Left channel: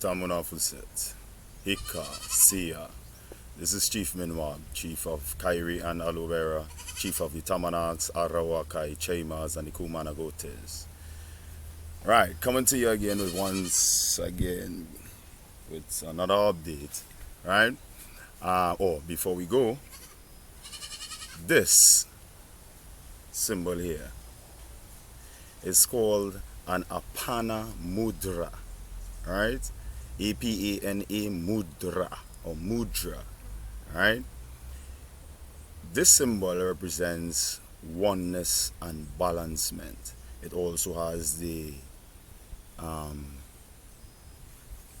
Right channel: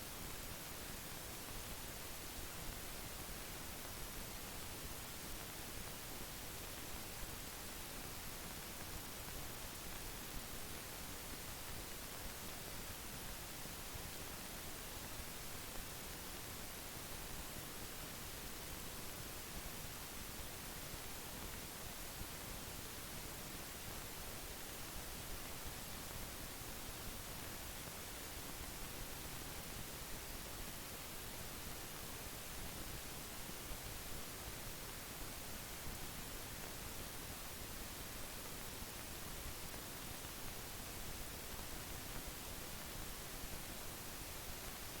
Tamunafuset, Ika, Sia. This is Chief Minwan, Chief of Kairi and Aloe Vera, Chief of the Tamanaks, Arawakai, Chaimas, and the Kumanagotes. Right, coming to you again with once again with another update. Right? Before we go, this symbol here is called an Apana Mudra. Right? APANA Mudra or Mudra. Right? This symbol represents oneness and balancement. It also has the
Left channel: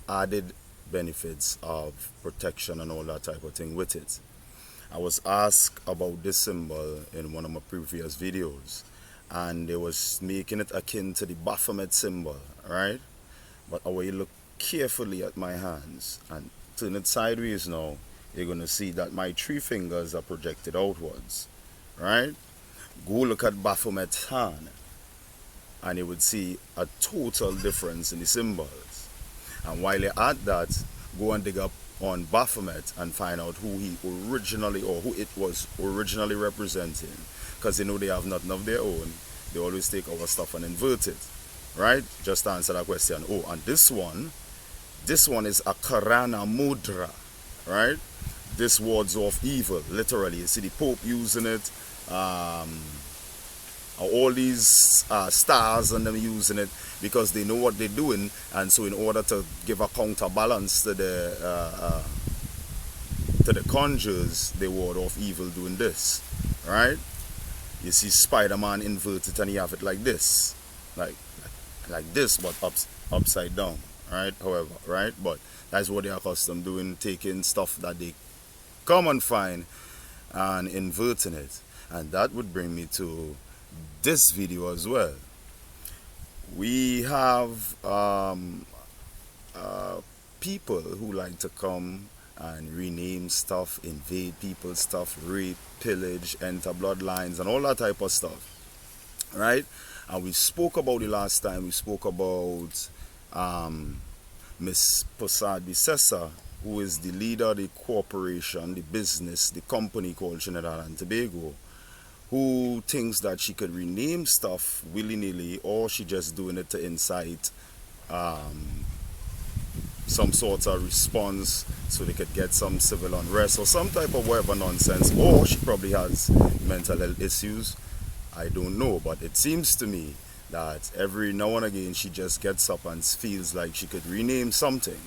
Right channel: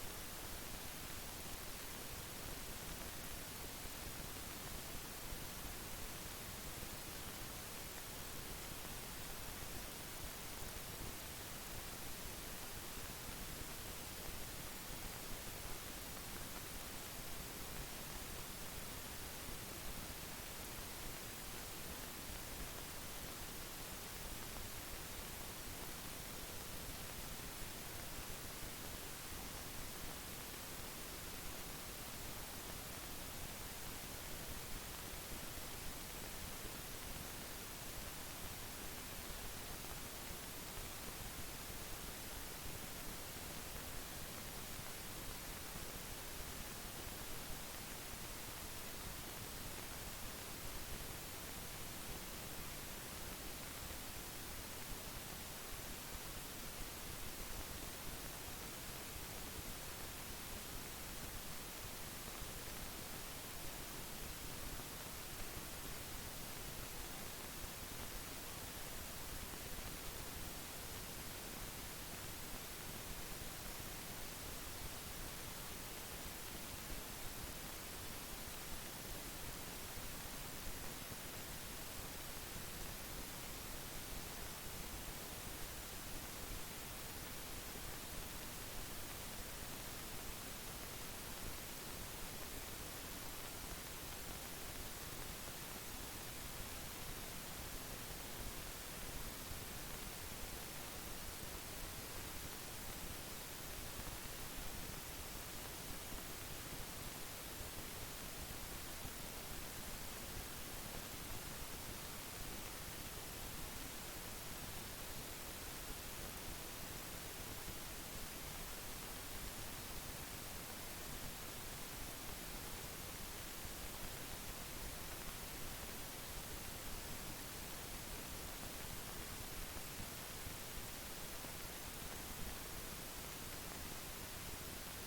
added benefits of protection and all that type of thing with it. I was asked about this symbol in one of my previous videos, and they was making it akin to the Baphomet symbol, right? But when you look carefully at my hands and turn it sideways now, you're gonna see that my three fingers are projected outwards, right? Go look at Baphomet's hand, and you would see a total difference in the symbols. And while you're at that, go and dig up on Baphomet and find out who he originally or who it was originally representing. Because they have nothing of their own. They always take our stuff and invert it. Right? Just to answer that question. Oh, and this one is a Karana Mudra. Right? This wards off evil, literally. You see the Pope using it. All these stars and them using it because they know what they're doing, and so in order to give a counterbalance to the conjures, they ward off evil doing this, right? You see Spider-Man inverted and you have it like this, like this, but upside down, right? However, right? But that's what they're accustomed doing, taking stuff that they come and find and inverting it, and that would bring me to this video as well. We have people who like to come and rename stuff, invade people's stuff, rape, pillage, enter bloodlines, and all that type of stuff, right? And we spoke about it last time. We spoke about Miss Posadi Sessa, who is the leader of the corporation, the business, the company called Trinidad and Tobago, who thinks that she could rename stuff willy-nilly, or she just doing it to incite some sort of response so they could get some civil unrest or some type of whatever nonsense, or she probably has mental health issues. I don't know, but it seems to me that every now and again she just gets up and feels like she could rename something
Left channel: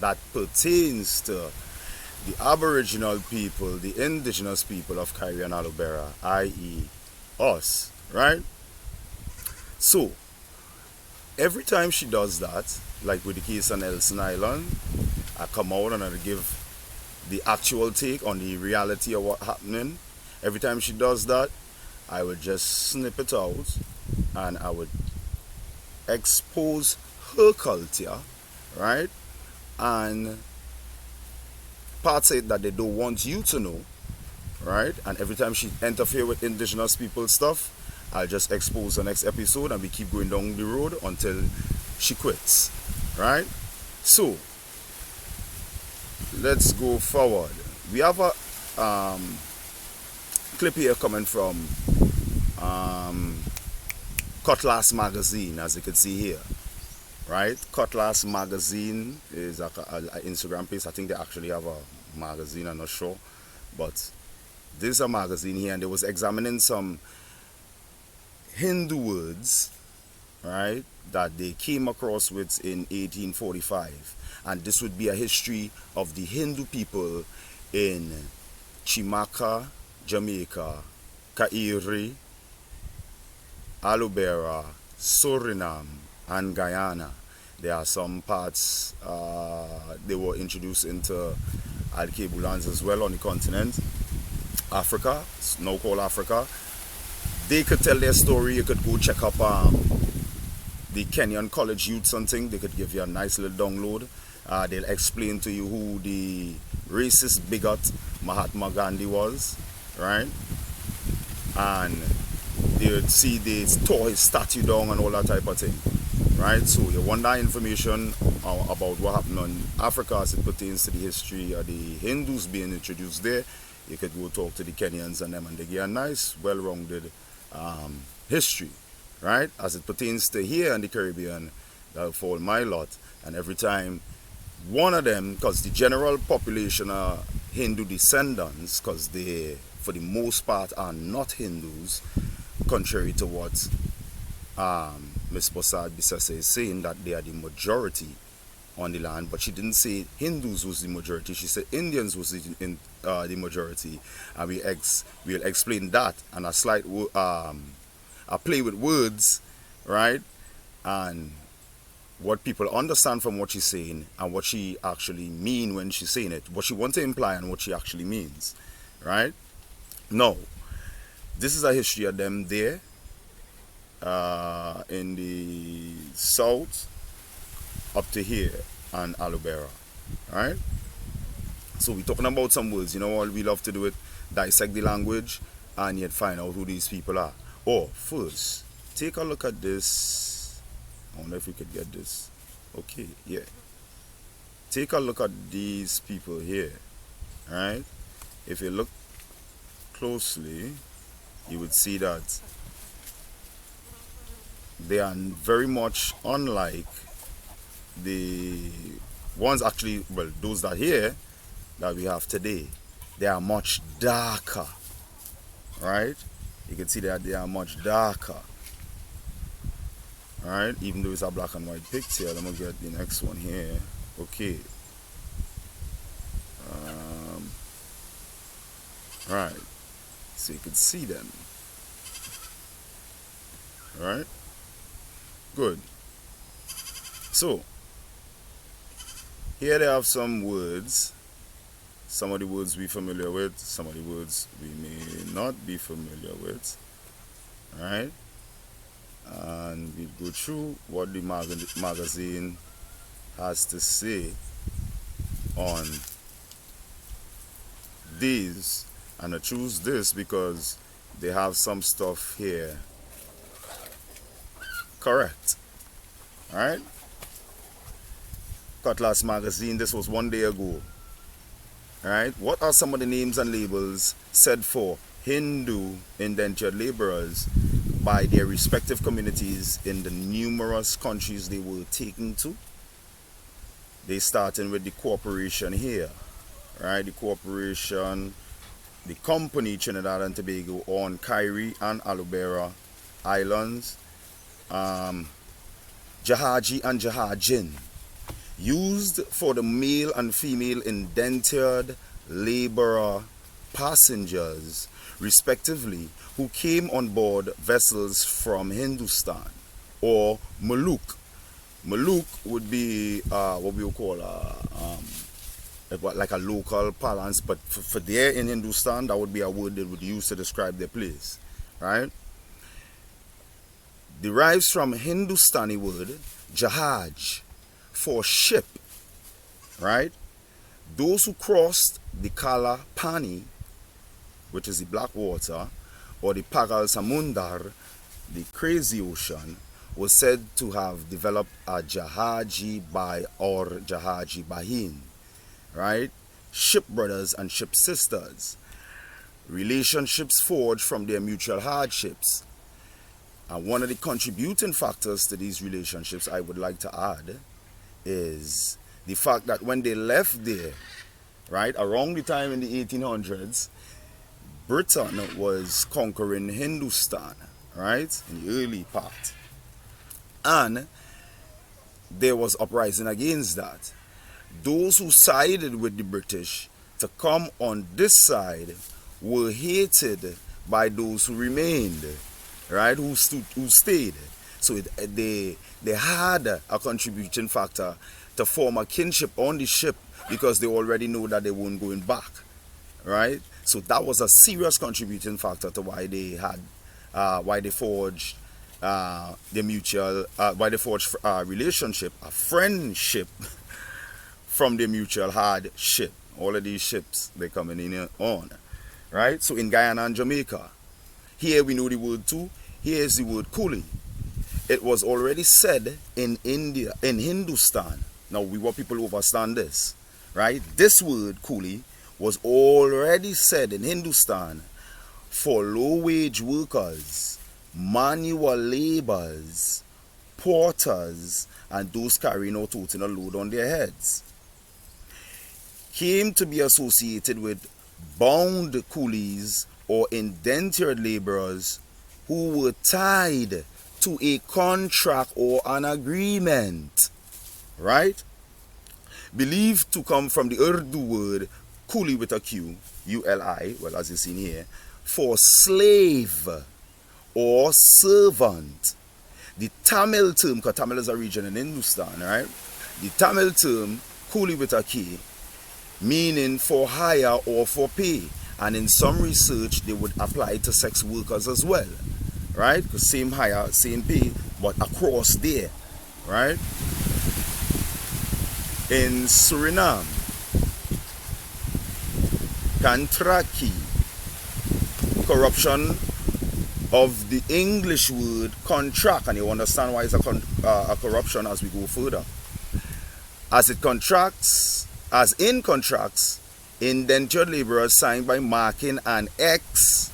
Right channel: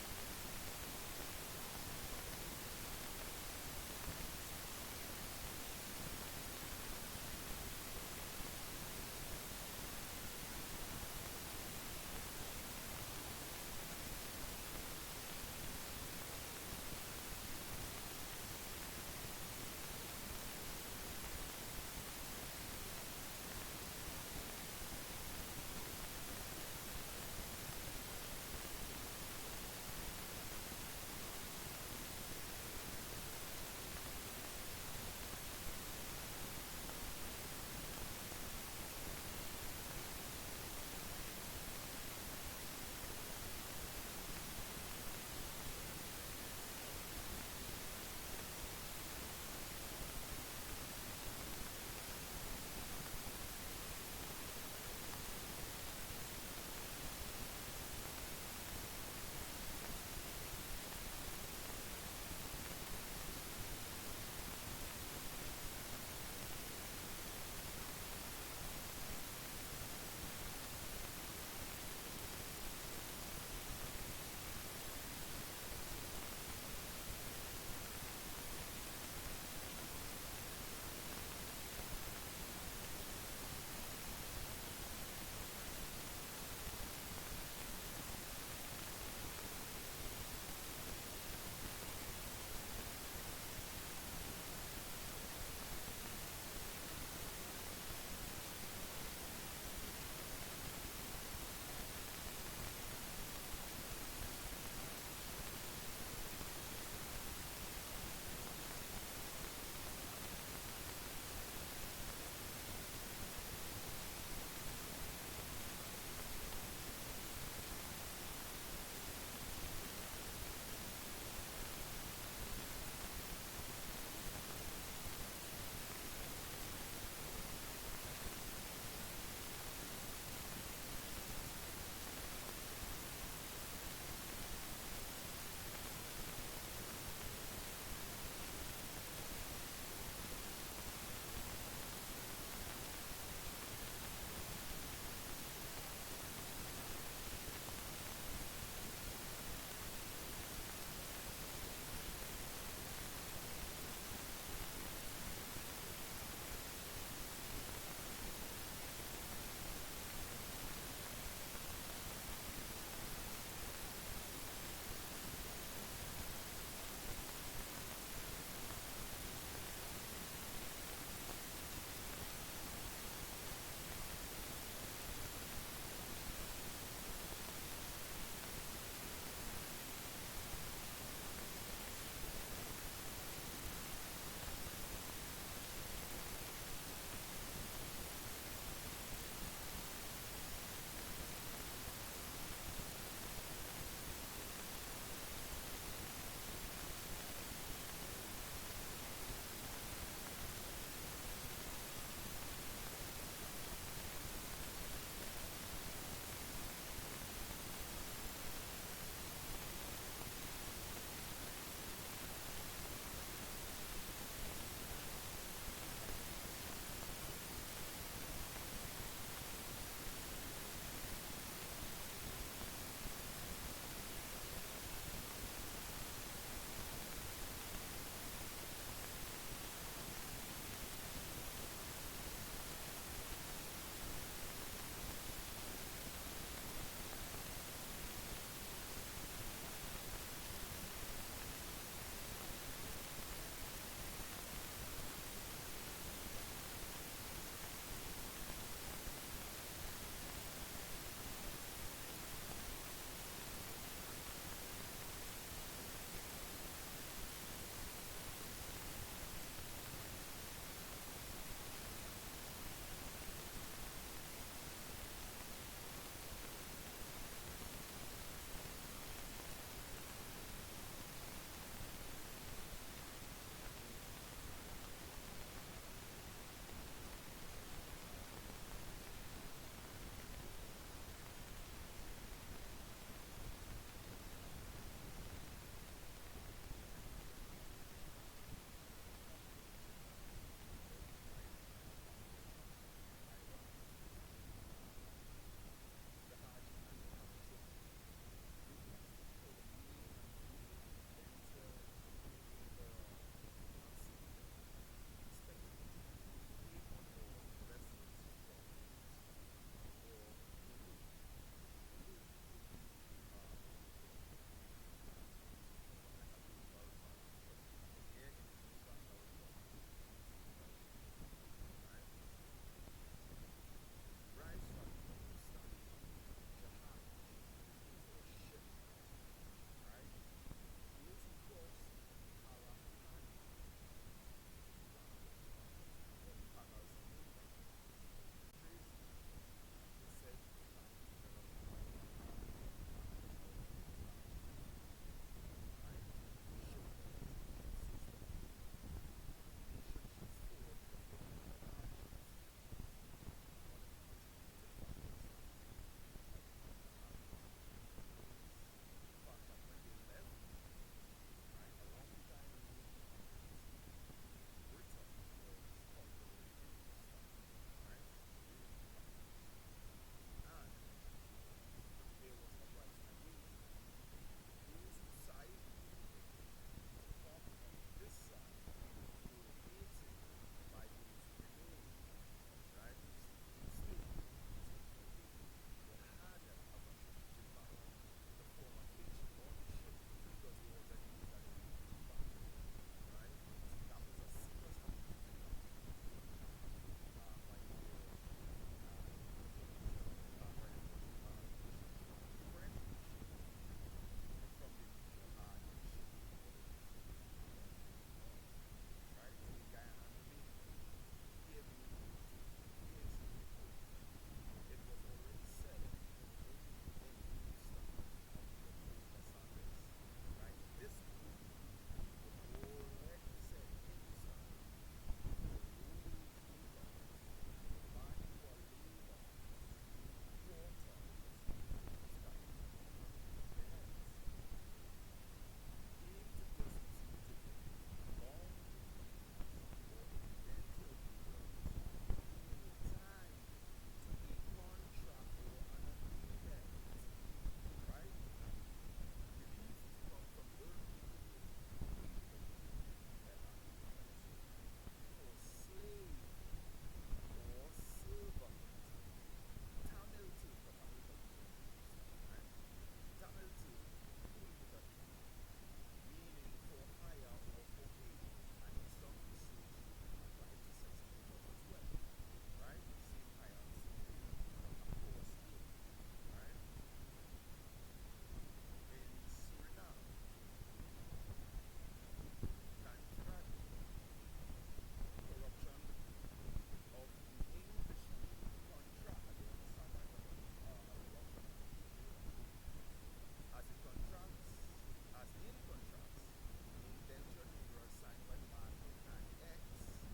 that pertains to the Aboriginal people, the indigenous people of Kairi and Aloe Vera, i.e. us, right? So, every time she does that, like with the case on Elson Island, I come out and I give the actual take on the reality of what's happening. Every time she does that, I would just snip it out and I would expose her culture, right? And parts of it that they don't want you to know, right? And every time she interfere with indigenous people stuff, I'll just expose the next episode and we keep going down the road until she quits, right? So let's go forward. We have a clip here coming from Cutlass Magazine, as you can see here, right? Cutlass Magazine is an Instagram page. I think they actually have a magazine, I'm not sure, but this is a magazine here, and they was examining some Hindu words, right, that they came across with in 1845, and this would be a history of the Hindu people in Chimaka, Jamaica, Kairi, Aloe Vera, Suriname, and Guyana. There are some parts they were introduced into Alkebu lands as well on the continent. Africa, it's now called Africa. They could tell their story. You could go check up the Kenyan College Youth something. They could give you a nice little download. They'll explain to you who the racist bigot Mahatma Gandhi was, right? And they would see they tore his statue down and all that type of thing. right? So you want that information about what happened in Africa as it pertains to the history of the Hindus being introduced there. You could go talk to the Kenyans and them, and they get a nice, well-rounded history, right? As it pertains to here in the Caribbean, that'll fall my lot. And every time one of them, because the general population are Hindu descendants, because they, for the most part, are not Hindus, contrary to what Ms. Bossad Bissese is saying, that they are the majority on the land, but she didn't say Hindus was the majority. She said Indians was the majority, and we'll explain that and a slight a play with words, right? And what people understand from what she's saying and what she actually mean when she's saying it, what she wants to imply and what she actually means, right? No, this is a history of them there in the south up to here and Alubera, right? So we're talking about some words. You know what we love to do it, dissect the language and yet find out who these people are. Or first, take a look at this. I wonder if we could get this. Okay, yeah. Take a look at these people here, right? If you look closely, you would see that they are very much unlike the ones actually, well, those that here that we have today. They are much darker, right? You can see that they are much darker, right? Even though it's a black and white picture. Let me get the next one here. Okay. Right. So you can see them, right? Good. So here they have some words. Some of the words we're familiar with, some of the words we may not be familiar with, right? And we go through what the magazine has to say on these. And I choose this because they have some stuff here correct, right? Cutlass magazine, this was 1 day ago. Right? What are some of the names and labels said for Hindu indentured laborers by their respective communities in the numerous countries they were taken to? They starting with the corporation here, right? The corporation, the company Trinidad and Tobago on Kairi and Alubera Islands, Jahaji and Jahajin, used for the male and female indentured laborer passengers, respectively, who came on board vessels from Hindustan, or Maluk. Maluk would be what we would call like a local parlance, but for there in Hindustan, that would be a word they would use to describe their place, right? Derives from Hindustani word Jahaj, for ship, right? Those who crossed the Kala Pani, which is the Black Water, or the Pagal Samundar, the Crazy Ocean, was said to have developed a Jahaji Bai or Jahaji Bahin, right? Ship brothers and ship sisters, relationships forged from their mutual hardships. And one of the contributing factors to these relationships, I would like to add, is the fact that when they left there, right, around the time in the 1800s, Britain was conquering Hindustan, right, in the early part. And there was uprising against that. Those who sided with the British to come on this side were hated by those who remained, right, who stayed. So they had a contributing factor to form a kinship on the ship because they already know that they weren't going back, right? So that was a serious contributing factor to why they had, why they forged the mutual, why they forged a relationship, a friendship from the mutual hardship. All of these ships they're coming in on, right? So in Guyana and Jamaica, here we know the word too. Here is the word coolie. it was already said in India, in Hindustan. Now, we want people to understand this, right? This word, coolie, was already said in Hindustan for low-wage workers, manual laborers, porters, and those carrying or toting a load on their heads. Came to be associated with bound coolies or indentured laborers who were tied to a contract or an agreement, right? Believed to come from the Urdu word coolie with a Q, U-L-I, well, as you've seen here, for slave or servant. The Tamil term, because Tamil is a region in Hindustan, right? The Tamil term, coolie with a K, meaning for hire or for pay. And in some research, they would apply to sex workers as well, right? Because same hire, same pay, but across there, right? In Suriname, Kantraki, corruption of the English word contract, and you understand why it's a corruption as we go further. As in contracts, indentured laborers signed by marking an X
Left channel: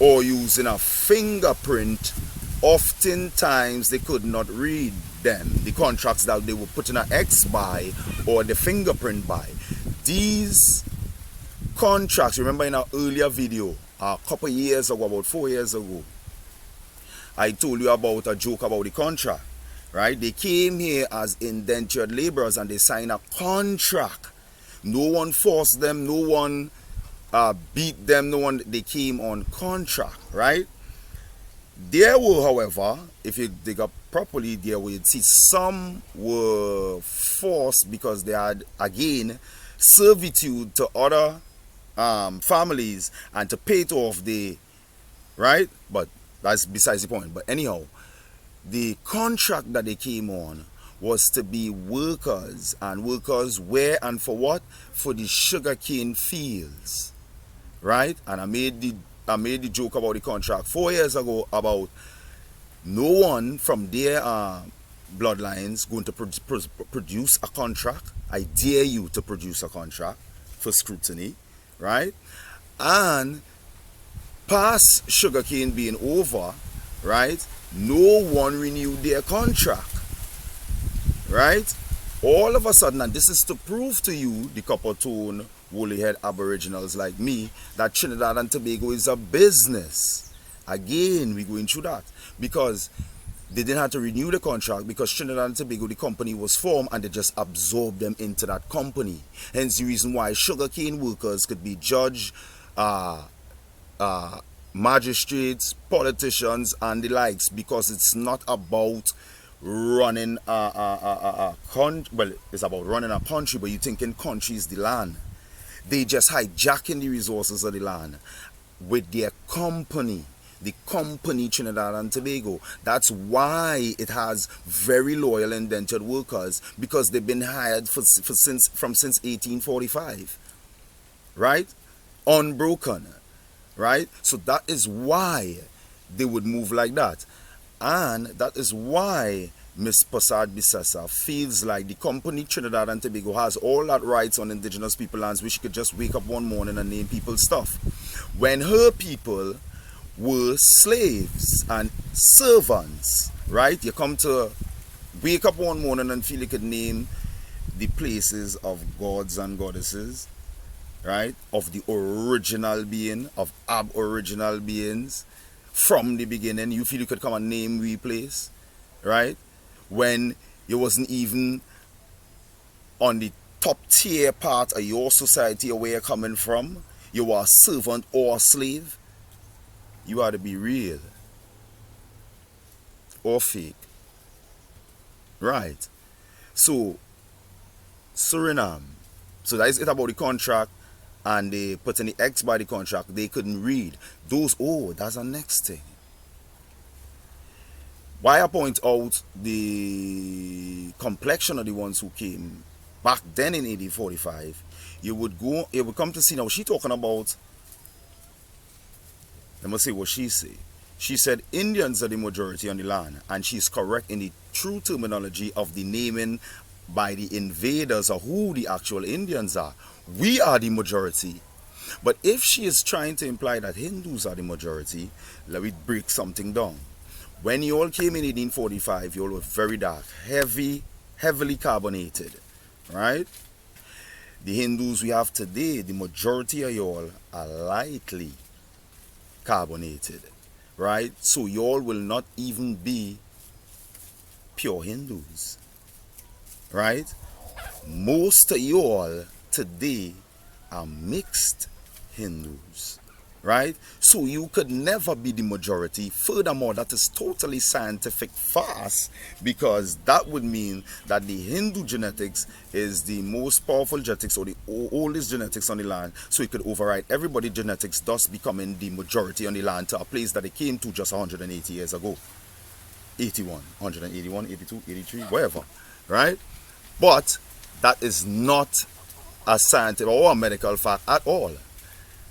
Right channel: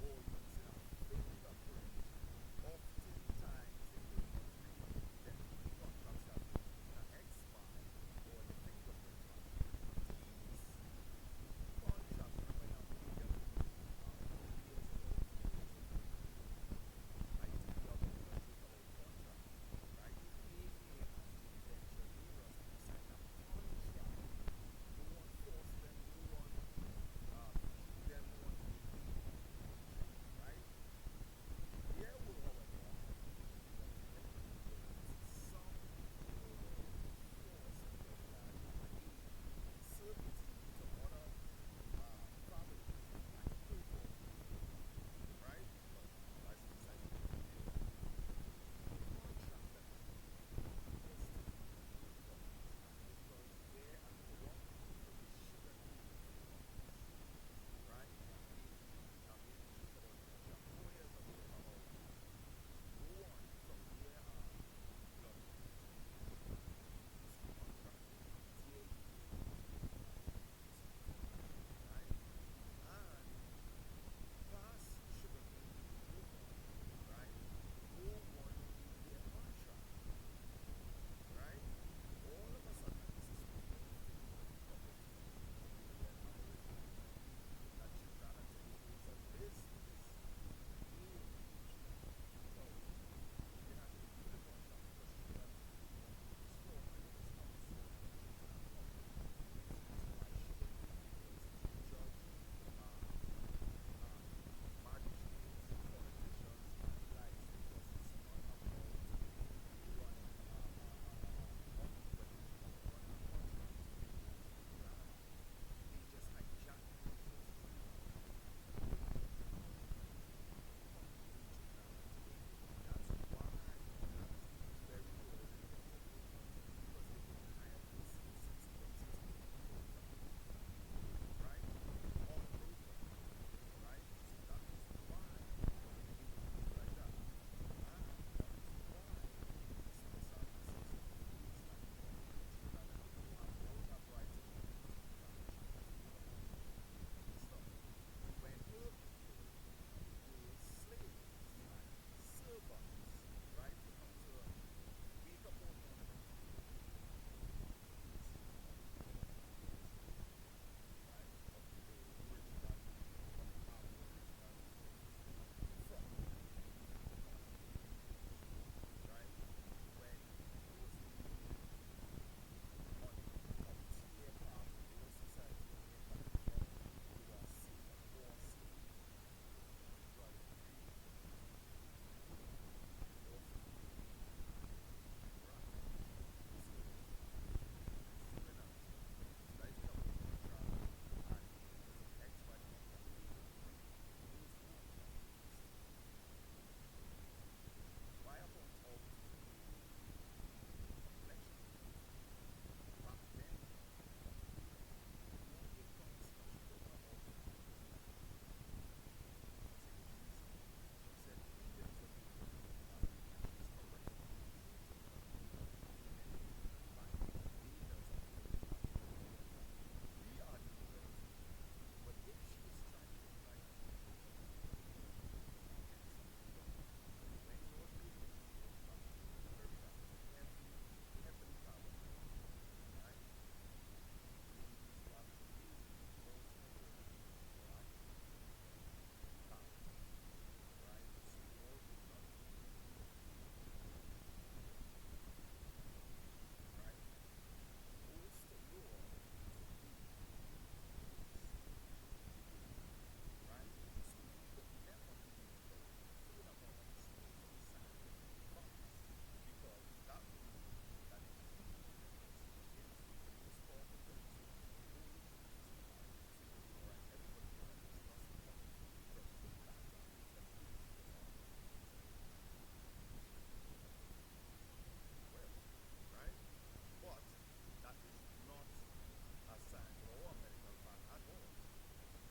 or using a fingerprint, oftentimes they could not read them, the contracts that they were putting an X by or the fingerprint by. These contracts, remember in our earlier video, a couple years ago, about 4 years ago, I told you about a joke about the contract, right? They came here as indentured laborers and they signed a contract. No one forced them, no one beat them, no one, they came on contract, right? There were, however, if you dig up properly, there were, you'd see some were forced because they had, again, servitude to other families and to pay it off the, right? But that's besides the point. But anyhow, the contract that they came on was to be workers, and workers where and for what? For the sugarcane fields, right? And I made the joke about the contract 4 years ago about no one from their bloodlines going to produce a contract. I dare you to produce a contract for scrutiny, right? And past sugarcane being over, right? No one renewed their contract, right? All of a sudden, and this is to prove to you, the copper-tone, woolly-head aboriginals like me, that Trinidad and Tobago is a business. Again, we're going through that. Because they didn't have to renew the contract because Trinidad and Tobago, the company was formed and they just absorbed them into that company. Hence the reason why sugarcane workers could be judge, magistrates, politicians, and the likes, because it's not about running well, it's about running a country, but you thinking country is the land. They just hijacking the resources of the land with their company, the company Trinidad and Tobago. That's why it has very loyal indentured workers, because they've been hired since 1845, right? Unbroken, right? So that is why they would move like that. And that is why Miss Passad Bissessa feels like the company Trinidad and Tobago has all that rights on indigenous people lands, which she could just wake up one morning and name people's stuff. When her people were slaves and servants, right? You come to wake up one morning and feel you could name the places of gods and goddesses, right? Of the original being, of aboriginal beings. From the beginning, you feel you could come and name we place, right? When you wasn't even on the top tier part of your society or where you're coming from, you are a servant or a slave, you ought to be real or fake, right? So, Suriname, so that is it about the contract, and they put in the X by the contract, they couldn't read. That's the next thing. Why I point out the complexion of the ones who came back then in 1845, you would come to see now she talking about, let me see what she say. She said Indians are the majority on the land, and she's correct in the true terminology of the naming by the invaders or who the actual Indians are. We are the majority. But if she is trying to imply that Hindus are the majority, let me break something down. When you all came in 1845, you all were very dark, heavily carbonated, right? The Hindus we have today, the majority of y'all are lightly carbonated, right? So y'all will not even be pure Hindus, right? Most of y'all today are mixed Hindus, right? So you could never be the majority. Furthermore, that is totally scientific farce, because that would mean that the Hindu genetics is the most powerful genetics, or the oldest genetics on the land, so it could override everybody's genetics, thus becoming the majority on the land to a place that it came to just 180 years ago. 81, 181, 82, 83, whatever, right? But that is not a scientific or a medical fact at all,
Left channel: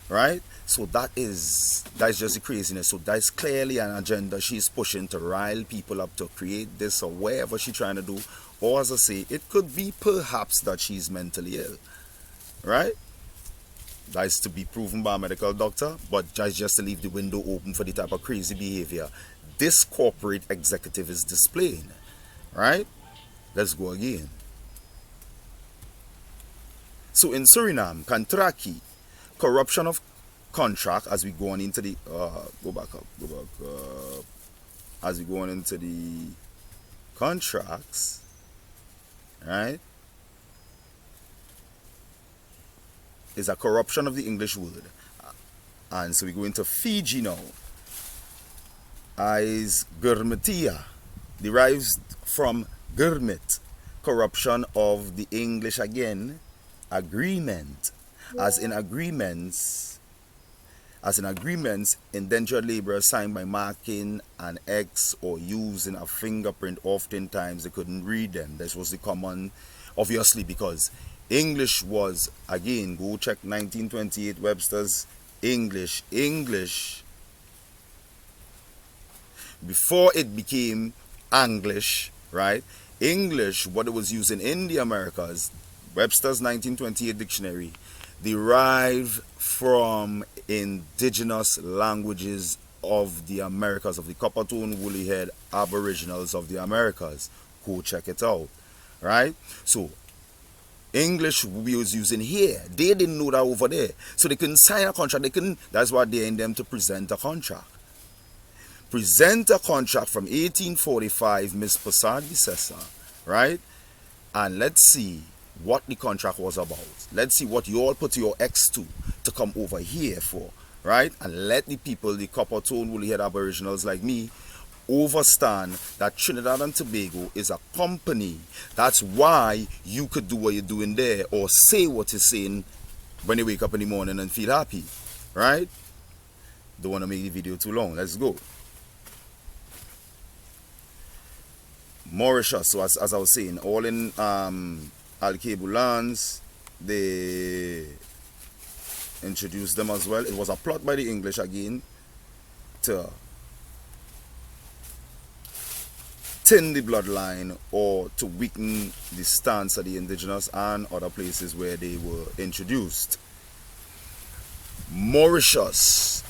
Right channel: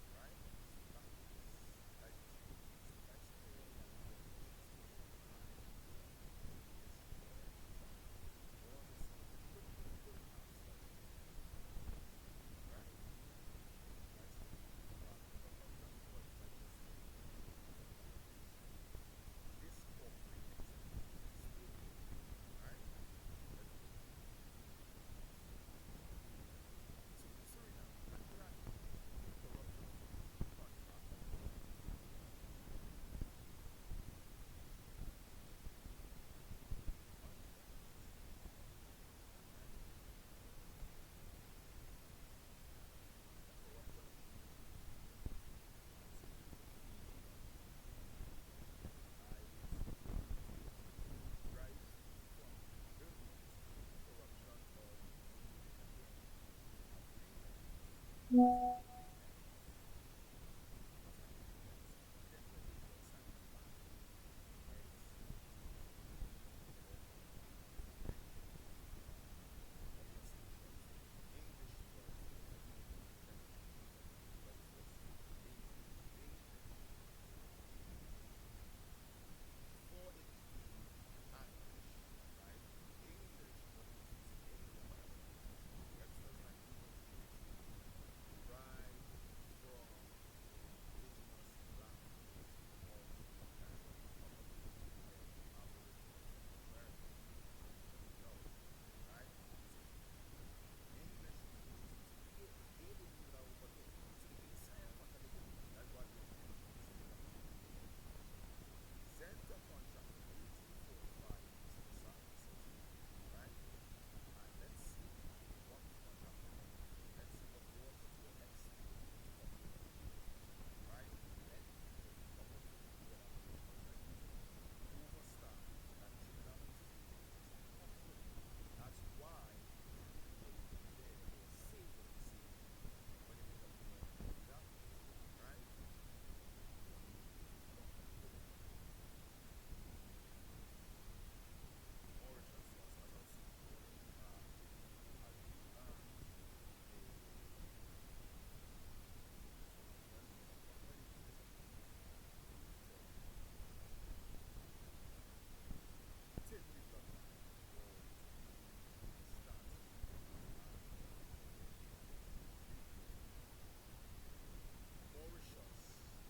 right? So that's just the craziness. So that's clearly an agenda she's pushing to rile people up to create this or whatever she's trying to do. Or as I say, it could be perhaps that she's mentally ill, right? That is to be proven by a medical doctor, but that's just to leave the window open for the type of crazy behavior this corporate executive is displaying, right? Let's go again. So in Suriname, Kantraki, corruption of contract, as we go on into the go back up, as we go on into the contracts, right? Is a corruption of the English word, and so we go into Fiji now. As Gurmetia derives from Gurmit, corruption of the English again, agreement, as in agreements, indentured laborers signed by marking an X or using a fingerprint. Oftentimes they couldn't read them. This was the common, obviously, because English was, again, go check 1928 Webster's English. Before it became English, right? English, what it was used in the Americas, Webster's 1928 dictionary, derived from indigenous languages of the Americas, of the copper-tone, woolly-head aboriginals of the Americas. Go check it out, right? So English we was using here. They didn't know that over there. So they couldn't sign a contract. That's why they're in them to present a contract. Present a contract from 1845, Miss Passadi Sessa, right? And let's see what the contract was about. Let's see what you all put your X to come over here for, right? And let the people, the copper tone woolly head aboriginals like me, understand that Trinidad and Tobago is a company. That's why you could do what you're doing there, or say what you're saying when you wake up in the morning and feel happy, right? Don't want to make the video too long. Let's go. Mauritius, so as I was saying, all in Al-Cable lands, they introduced them as well. It was a plot by the English again to thin the bloodline or to weaken the stance of the indigenous and other places where they were introduced. Mauritius,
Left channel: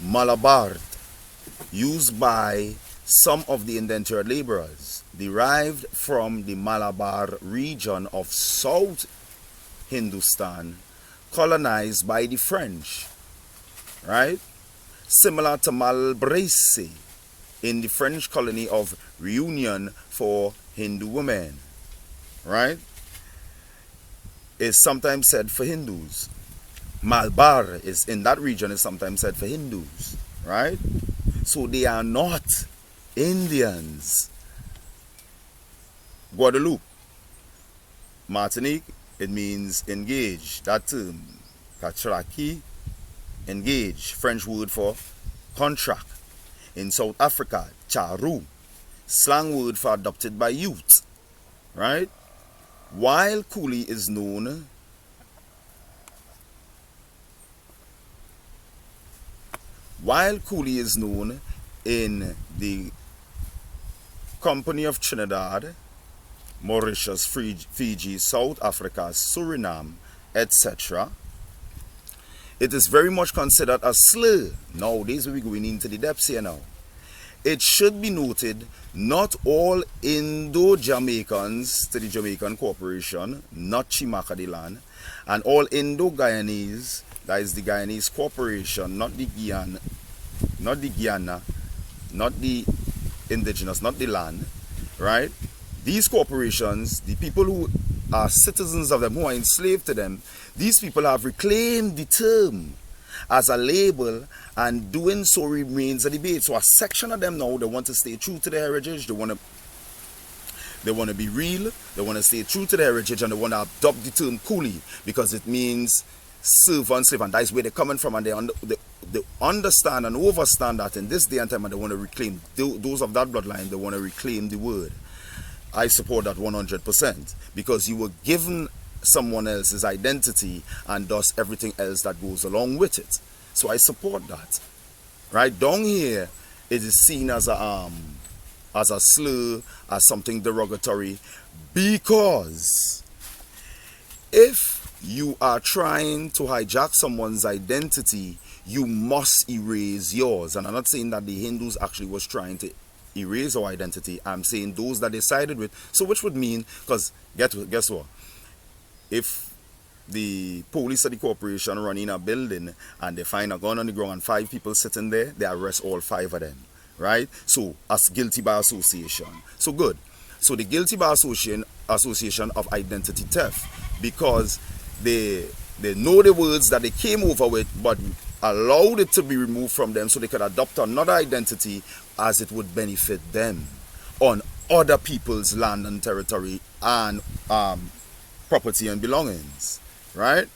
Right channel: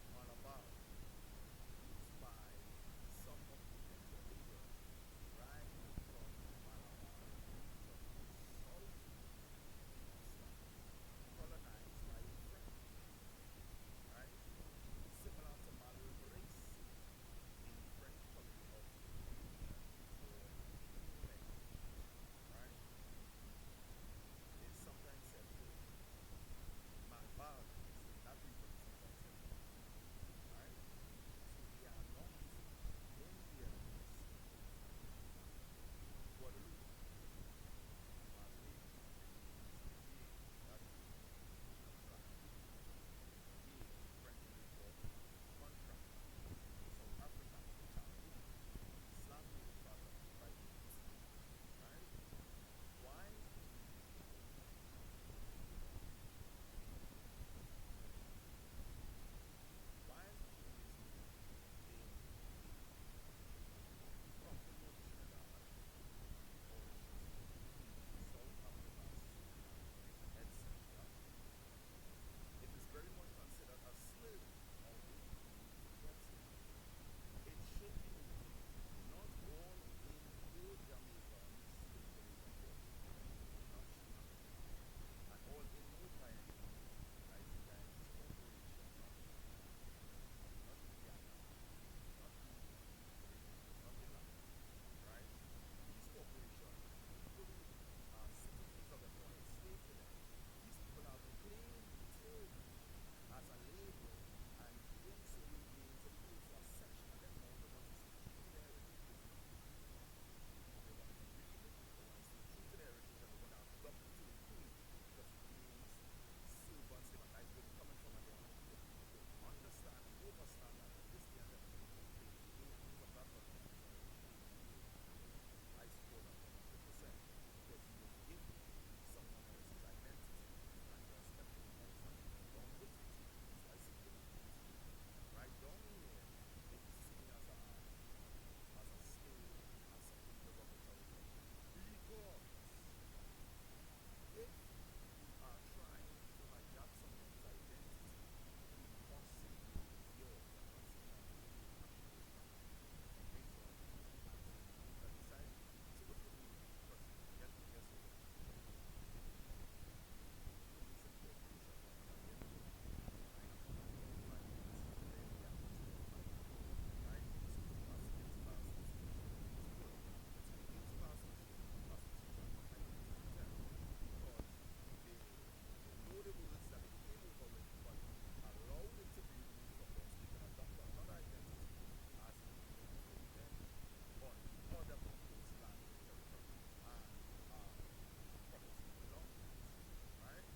Malabar, used by some of the indentured laborers, derived from the Malabar region of South Hindustan, colonized by the French, right? Similar to Malbrese in the French colony of Reunion for Hindu women, right? Is sometimes said for Hindus. Malabar is in that region is sometimes said for Hindus, right? So they are not Indians. Guadeloupe, Martinique, it means engage. That term, Katraki, engage, French word for contract. In South Africa, charu, slang word for adopted by youth, right? While coolie is known While Coolie is known in the Company of Trinidad, Mauritius, Fiji, South Africa, Suriname, etc., it is very much considered a slur. Nowadays, we're going into the depths here now. It should be noted, not all Indo-Jamaicans to the Jamaican Corporation, not Chimaka the land, and all Indo-Guyanese, that is the Guyanese Corporation, not the Guyana, not the indigenous, not the land, right? These corporations, the people who are citizens of them, who are enslaved to them, these people have reclaimed the term as a label, and doing so remains a debate. So a section of them now, they want to stay true to their heritage, they want to be real, they want to stay true to their heritage, and they want to adopt the term coolie because it means serve and slave, and that's where they're coming from, and they understand and overstand that in this day and time, and they want to reclaim, those of that bloodline, they want to reclaim the word. I support that 100% because you were given someone else's identity and thus everything else that goes along with it. So I support that. Right down here, it is seen as a slur, as something derogatory, because if you are trying to hijack someone's identity, you must erase yours. And I'm not saying that the Hindus actually was trying to erase our identity. I'm saying those that they sided with. So which would mean, because guess what? If the police of the corporation run in a building and they find a gun on the ground and 5 people sitting there, they arrest all 5 of them, right? So as guilty by association. So good. So the guilty by association of identity theft, because they know the words that they came over with, but allowed it to be removed from them so they could adopt another identity as it would benefit them on other people's land and territory and property and belongings, right?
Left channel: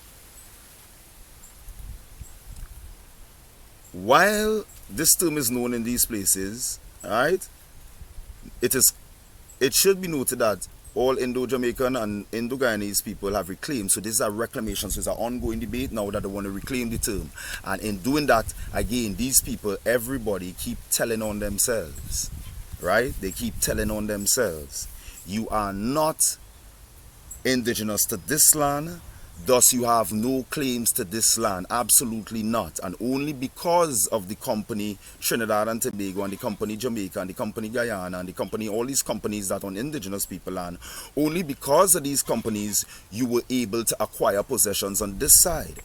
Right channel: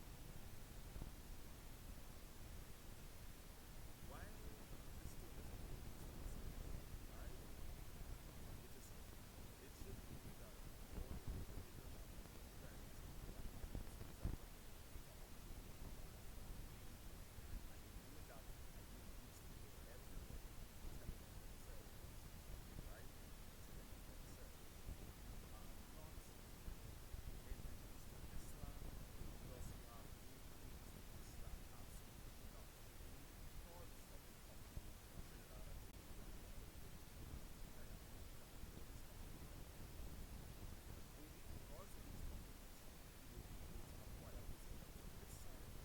While this term is known in these places, right, it should be noted that all Indo-Jamaican and Indo-Guyanese people have reclaimed. So this is a reclamation. So it's an ongoing debate now that they want to reclaim the term. And in doing that, again, these people, everybody keep telling on themselves, right? They keep telling on themselves. You are not indigenous to this land, thus you have no claims to this land. Absolutely not. And only because of the company Trinidad and Tobago and the company Jamaica and the company Guyana and the company, all these companies that on indigenous people land, only because of these companies you were able to acquire possessions on this side.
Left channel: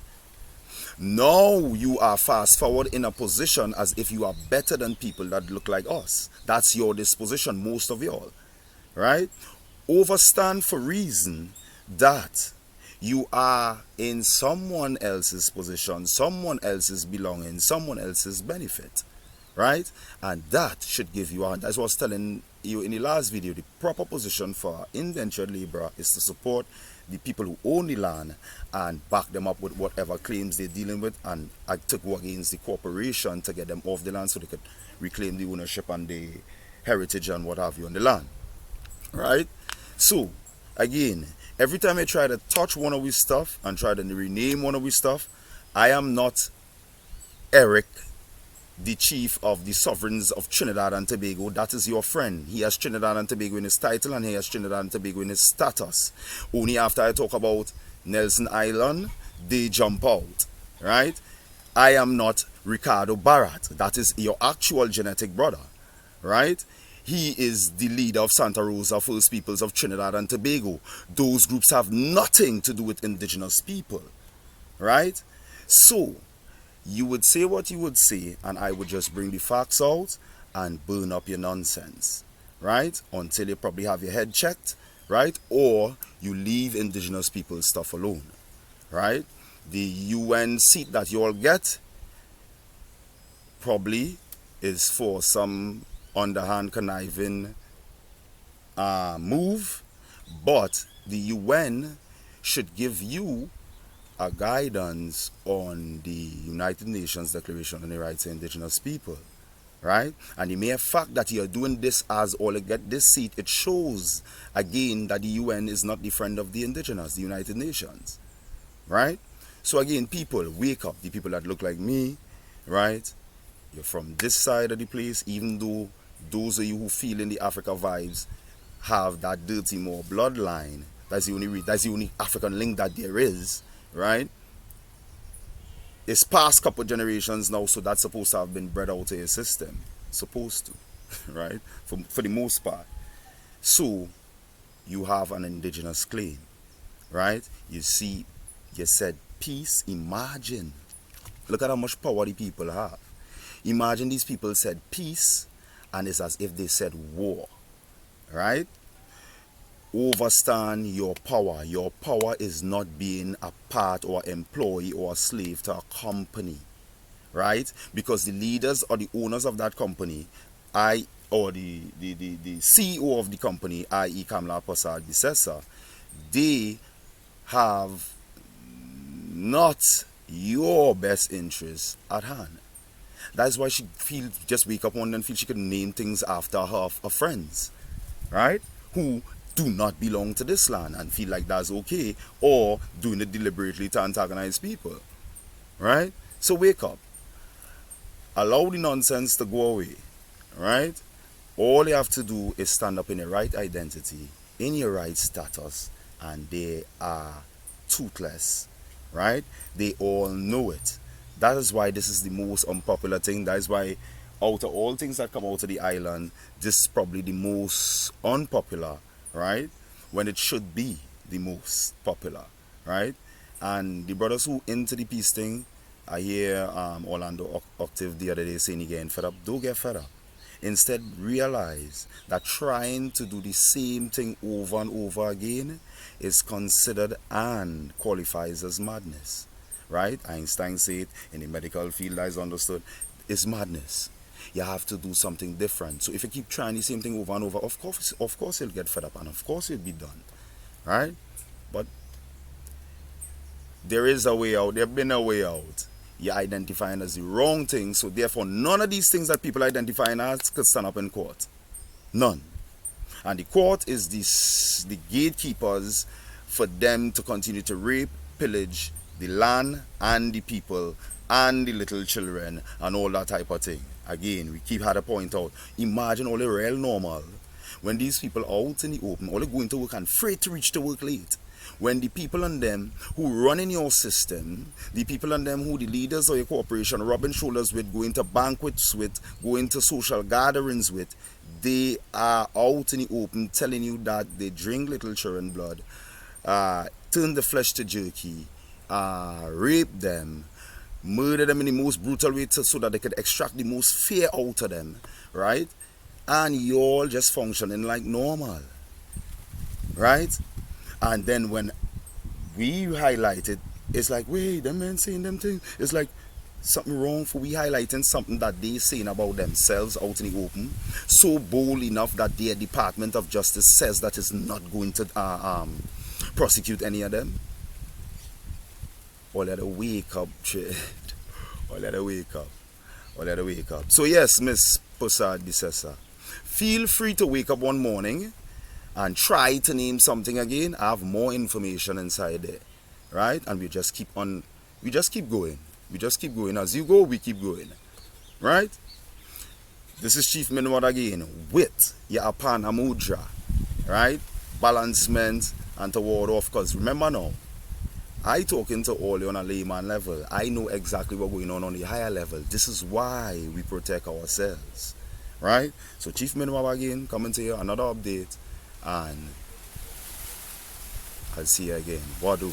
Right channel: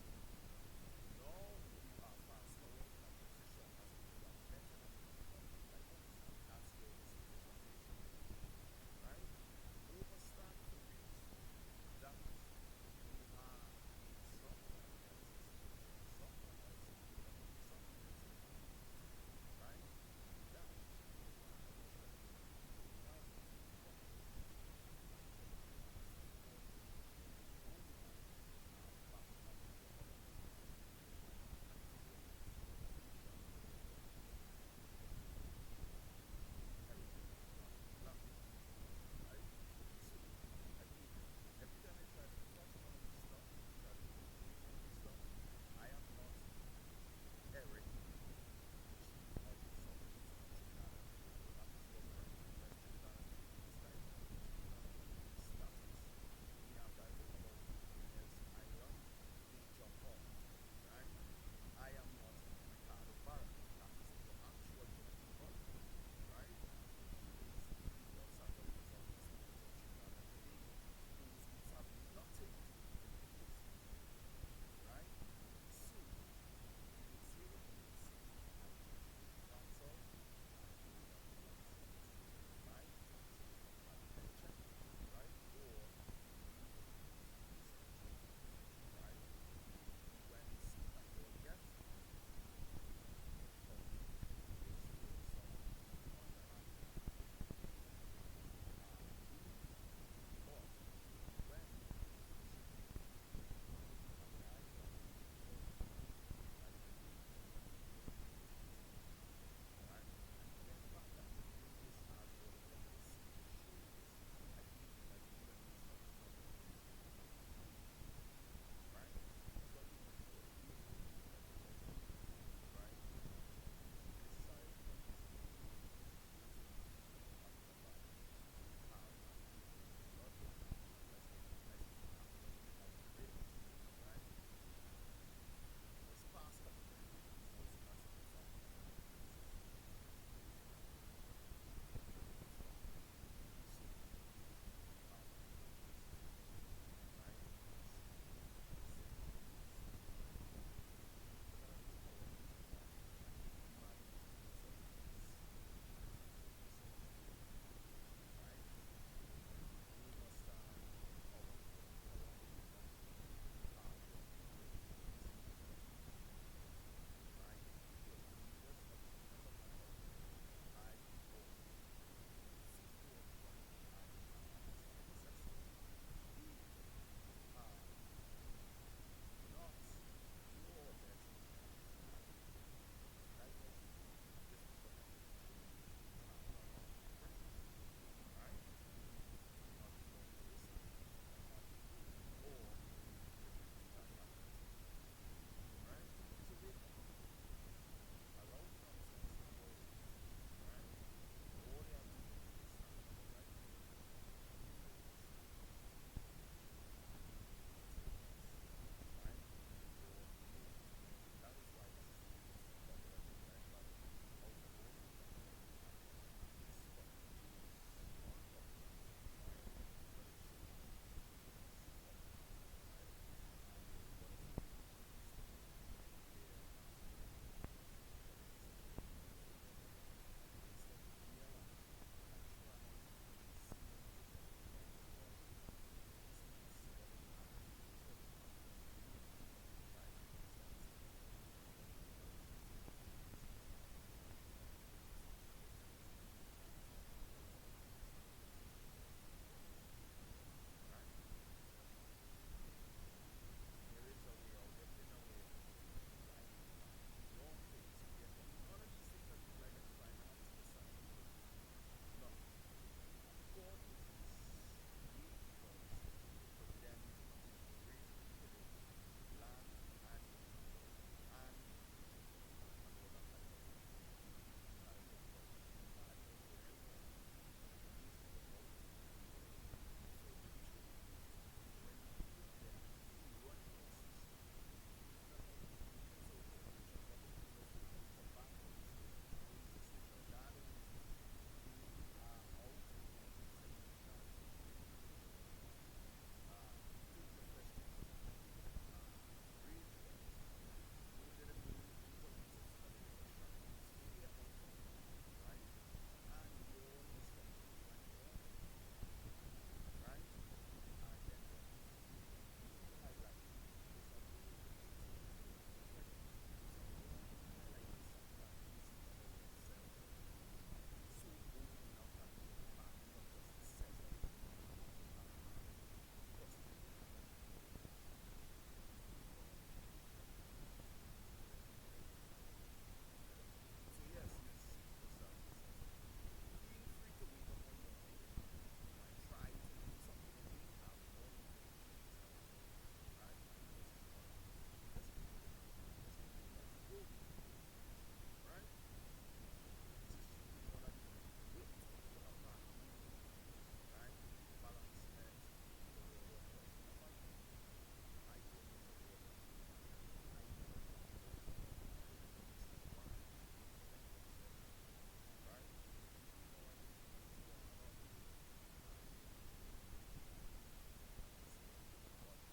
Now you are fast forward in a position as if you are better than people that look like us. That's your disposition, most of y'all, right? Overstand for reason that you are in someone else's position, someone else's belonging, someone else's benefit, right? And that should give you, as I was telling you in the last video, the proper position for indentured laborer is to support the people who own the land and back them up with whatever claims they're dealing with, and I took war against the corporation to get them off the land so they could reclaim the ownership and the heritage and what have you on the land, right? So again, every time I try to touch one of his stuff and try to rename one of his stuff, I am not Eric, the chief of the sovereigns of Trinidad and Tobago. That is your friend. He has Trinidad and Tobago in his title and he has Trinidad and Tobago in his status. Only after I talk about Nelson Island, they jump out, right? I am not Ricardo Barat. That is your actual genetic brother, right? He is the leader of Santa Rosa First Peoples of Trinidad and Tobago. Those groups have nothing to do with indigenous people, right? So you would say what you would say, and I would just bring the facts out and burn up your nonsense, right? Until you probably have your head checked, right? Or you leave indigenous people's stuff alone, right? The UN seat that you all get probably is for some underhand conniving move, but the UN should give you a guidance on the United Nations Declaration on the Rights of Indigenous People, right? And the mere fact that you're doing this as all to get this seat, it shows again that the UN is not the friend of the indigenous, the United Nations, right? So again, people, wake up, the people that look like me, right? You're from this side of the place, even though those of you who feel in the Africa vibes have that dirty more bloodline. That's the only African link that there is, right? It's past couple generations now, so that's supposed to have been bred out of your system. Supposed to, right? For the most part. So you have an indigenous claim, right? You see, you said peace. Imagine. Look at how much power the people have. Imagine these people said peace, and it's as if they said war, right? Overstand your power. Your power is not being a part or employee or a slave to a company, right? Because the leaders or the owners of that company, or the CEO of the company, i.e. Kamla Prasad Bissessa, they have not your best interest at hand. That's why she just wake up one day and feel she could name things after her friends, right? Who do not belong to this land and feel like that's okay, or doing it deliberately to antagonize people, right? So wake up. Allow the nonsense to go away, right? All you have to do is stand up in your right identity, in your right status, and they are toothless, right? They all know it. That is why this is the most unpopular thing. That is why, out of all things that come out of the island, this is probably the most unpopular, right? When it should be the most popular, right? And the brothers who into the peace thing, I hear Orlando Octave the other day saying again, fed up, don't get fed up. Instead, realize that trying to do the same thing over and over again is considered and qualifies as madness, right? Einstein said in the medical field, that is understood, it's madness. You have to do something different. So if you keep trying the same thing over and over, of course you'll get fed up, and of course you'll be done, right? But there is a way out. There been a way out. You're identifying as the wrong thing, so therefore none of these things that people identifying as could stand up in court. None. And the court is the gatekeepers for them to continue to rape, pillage the land and the people and the little children and all that type of thing. Again, we keep had to point out, imagine all the real normal when these people out in the open, all going to work and afraid to reach to work late. When the people on them who run in your system, the people on them who the leaders of your corporation rubbing shoulders with, going to banquets with, going to social gatherings with, they are out in the open telling you that they drink little children blood, turn the flesh to jerky, rape them, murder them in the most brutal way so that they could extract the most fear out of them, right? And you all just functioning like normal, right? And then when we highlight it, it's like, wait, them men saying them things. It's like something wrong for we highlighting something that they saying about themselves out in the open, so bold enough that their Department of Justice says that it's not going to prosecute any of them. Or let her wake up, Chad. Or let her wake up. Or let her wake up. So yes, Miss Prasad Bissessa, feel free to wake up one morning and try to name something again. I have more information inside there, right? And we just keep going. We just keep going. As you go, we keep going, right? This is Chief Minwad again with your Apana Mudra, right? Balancement and toward off. Because remember now, I talking to all you on a layman level. I know exactly what's going on the higher level. This is why we protect ourselves, right? So Chief Minwad again coming to you another update. And I'll see you again. Wadu.